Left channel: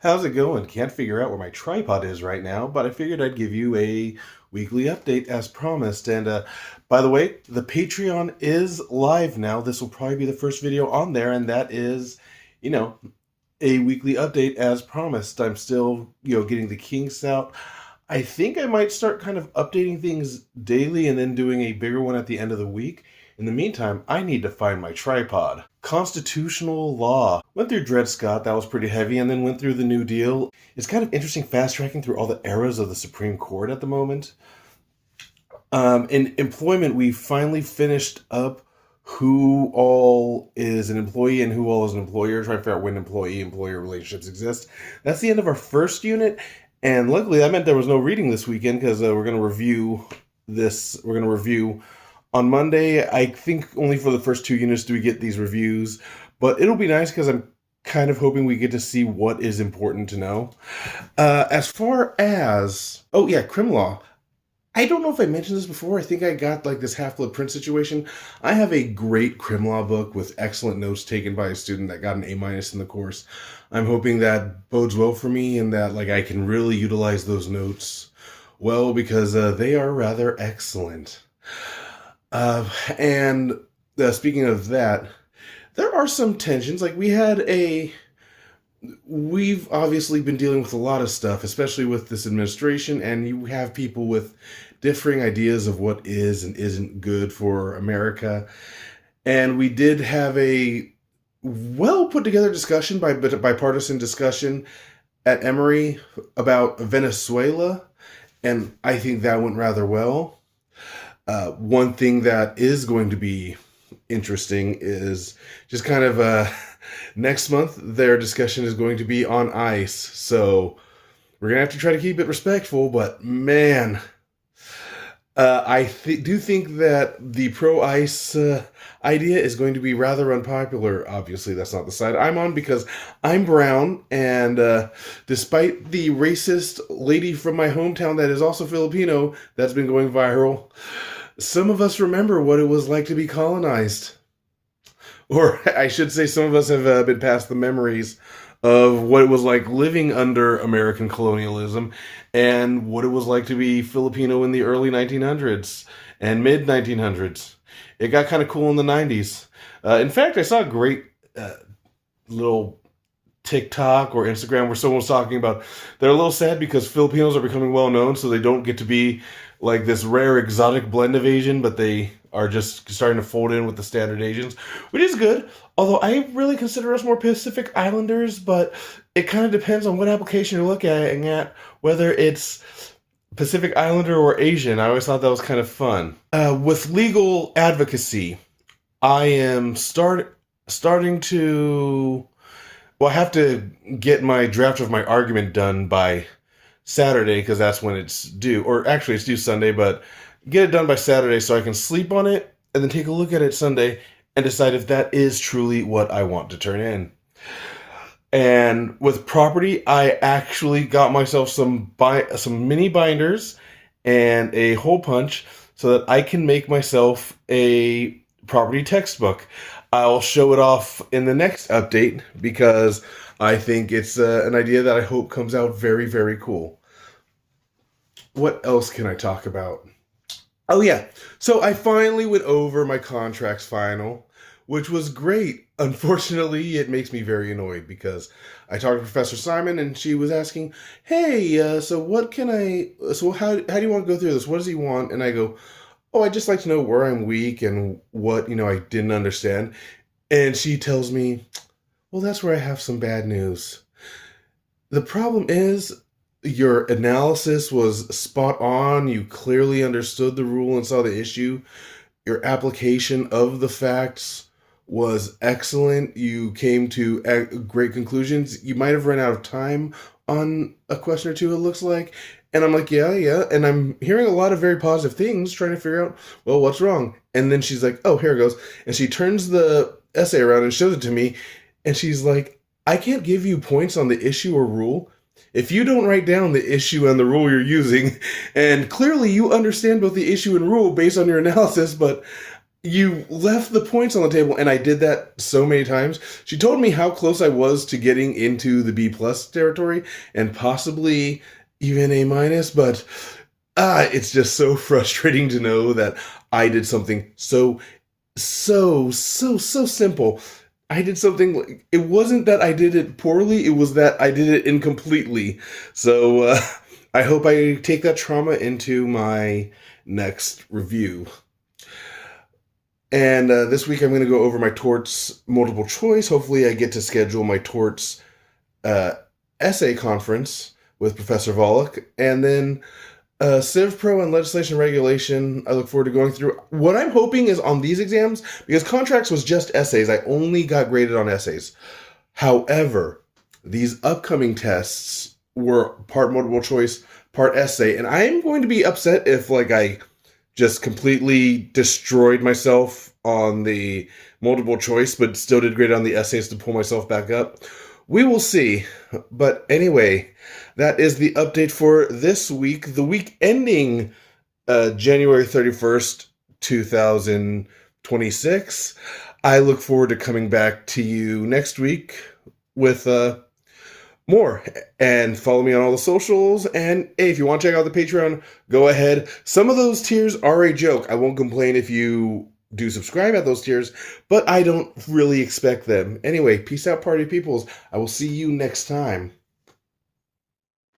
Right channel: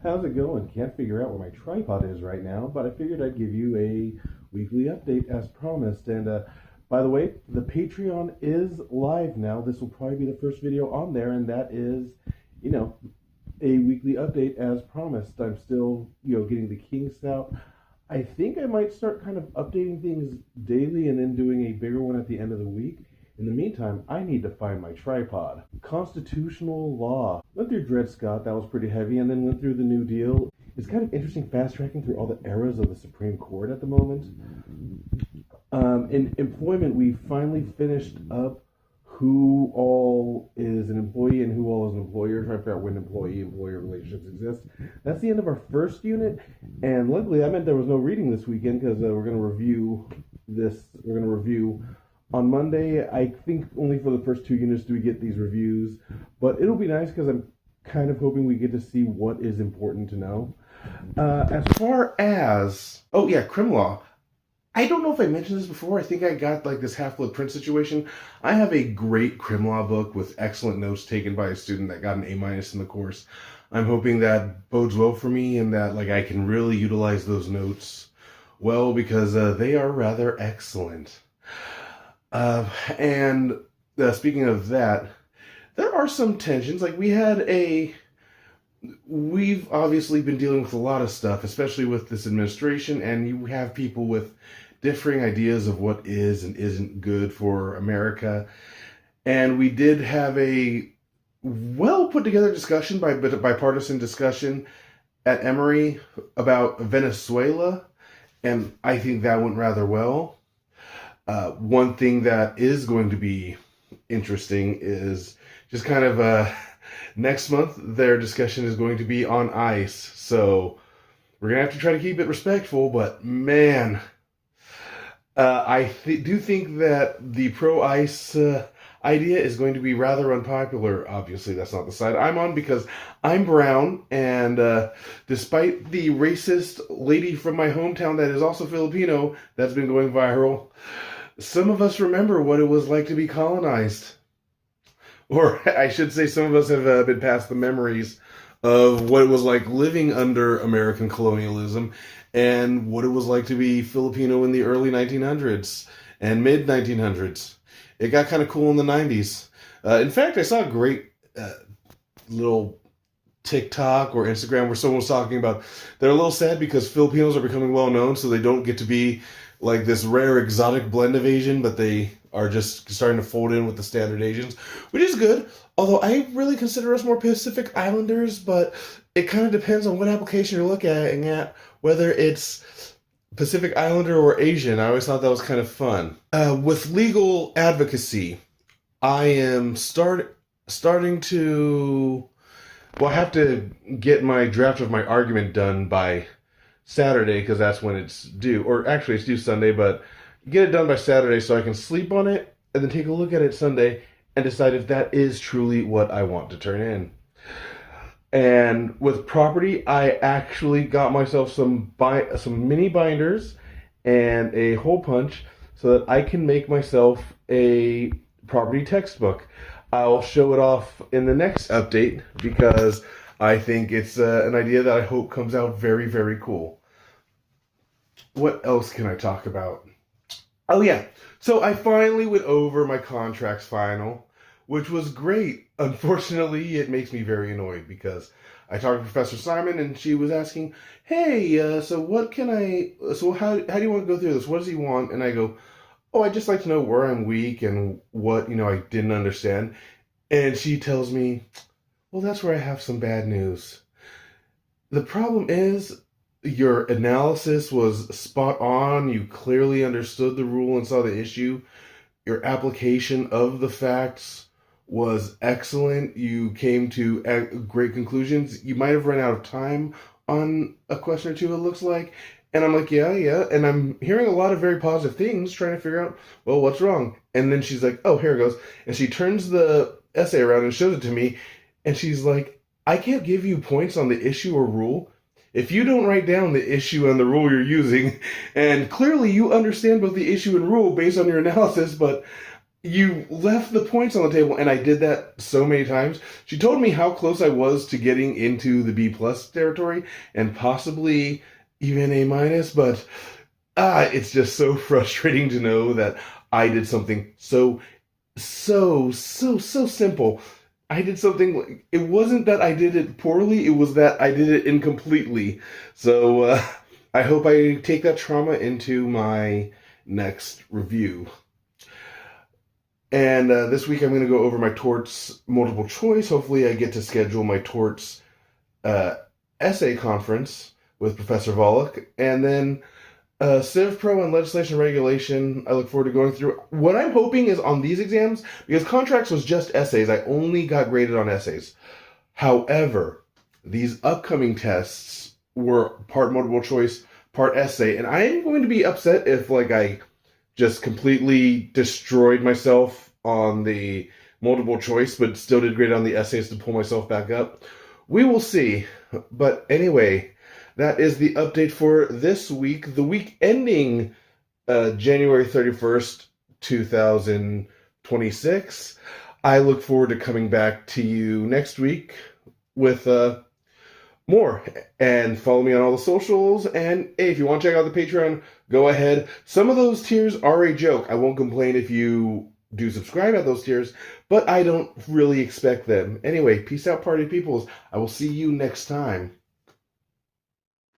How's it going? Can't figure out where my tripod is right now, but I figured I'd give you a weekly update as promised. And by the way, the Patreon is live now. This will probably be the first video on there, and that is, you know, a weekly update as promised. I'm still, getting the kinks out. I think I might start kind of updating things daily and then doing a bigger one at the end of the week. In the meantime, I need to find my tripod. Constitutional law. Went through Dred Scott, that was pretty heavy, and then went through the New Deal. It's kind of interesting fast tracking through all the eras of the Supreme Court at the moment. In employment, we finally finished up who all is an employee and who all is an employer, trying to figure out when employee-employer relationships exist. That's the end of our first unit, and luckily that meant there was no reading this weekend because we're going to review this. We're going to review on Monday. I think only for the first two units do we get these reviews, but it'll be nice because I'm kind of hoping we get to see what is important to know. As far as, crim law. I don't know if I mentioned this before. I think I got like this Half-Blood Prince situation. I have a great crim law book with excellent notes taken by a student that got an A- in the course. I'm hoping that bodes well for me and that I can really utilize those notes well because they are rather excellent. And speaking of that, there are some tensions. We've obviously been dealing with a lot of stuff, especially with this administration, and you have people with differing ideas of what is and isn't good for America. And we did have a well put together discussion, bipartisan discussion at Emory about Venezuela, and I think that went rather well. One thing that is going to be interesting is just kind of next month, their discussion is going to be on ICE. So we're going to have to try to keep it respectful, but man, I do think that the pro-ICE idea is going to be rather unpopular. Obviously, that's not the side I'm on because I'm brown, and despite the racist lady from my hometown that is also Filipino that's been going viral, some of us remember what it was like to be colonized. Or I should say some of us have been past the memories of what it was like living under American colonialism and what it was like to be Filipino in the early 1900s and mid 1900s. It got kind of cool in the 90s. In fact, I saw a great little TikTok or Instagram where someone was talking about they're a little sad because Filipinos are becoming well known, so they don't get to be like this rare exotic blend of Asian, but they are just starting to fold in with the standard Asians, which is good. Although I really consider us more Pacific Islanders, but it kind of depends on what application you're looking at, whether it's Pacific Islander or Asian. I always thought that was kind of fun. With legal advocacy, I am starting to. Well, I have to get my draft of my argument done by Saturday because that's when it's due. Or actually, it's due Sunday, but get it done by Saturday so I can sleep on it and then take a look at it Sunday and decide if that is truly what I want to turn in. And with property, I actually got myself some mini binders and a hole punch so that I can make myself a property textbook. I'll show it off in the next update because I think it's an idea that I hope comes out very, very cool. What else can I talk about? Oh yeah, so I finally went over my contracts final, which was great. Unfortunately, it makes me very annoyed because I talked to Professor Simon and she was asking, hey, so how do you want to go through this? What does he want? And I go, oh, I'd just like to know where I'm weak and what, I didn't understand. And she tells me, well, that's where I have some bad news. The problem is your analysis was spot on. You clearly understood the rule and saw the issue. Your application of the facts was excellent. You came to great conclusions. You might have run out of time on a question or two, it looks like. And I'm like, yeah. And I'm hearing a lot of very positive things, trying to figure out, well, what's wrong? And then she's like, oh, here it goes. And she turns the essay around and shows it to me. And she's like, I can't give you points on the issue or rule if you don't write down the issue and the rule you're using. And clearly you understand both the issue and rule based on your analysis, but You left the points on the table, and I did that so many times. She told me how close I was to getting into the B plus territory and possibly even A minus, but it's just so frustrating to know that I did something so simple. I did something. It wasn't that I did it poorly; it was that I did it incompletely. So I hope I take that trauma into my next review. And this week I'm going to go over my torts multiple choice. Hopefully, I get to schedule my torts uh, essay conference with Professor Volokh, and then Civ Pro and Legislation Regulation. I look forward to going through. What I'm hoping is on these exams, because contracts was just essays, I only got graded on essays. However, these upcoming tests were part multiple choice, part essay, and I am going to be upset if I just completely destroyed myself on the multiple choice, but still did great on the essays to pull myself back up. We will see. But anyway, that is the update for this week, the week ending January 31st, 2026. I look forward to coming back to you next week with more. And follow me on all the socials. And hey, if you want to check out the Patreon, go ahead. Some of those tiers are a joke. I won't complain if you do subscribe at those tiers, but I don't really expect them. Anyway, peace out, party peoples. I will see you next time.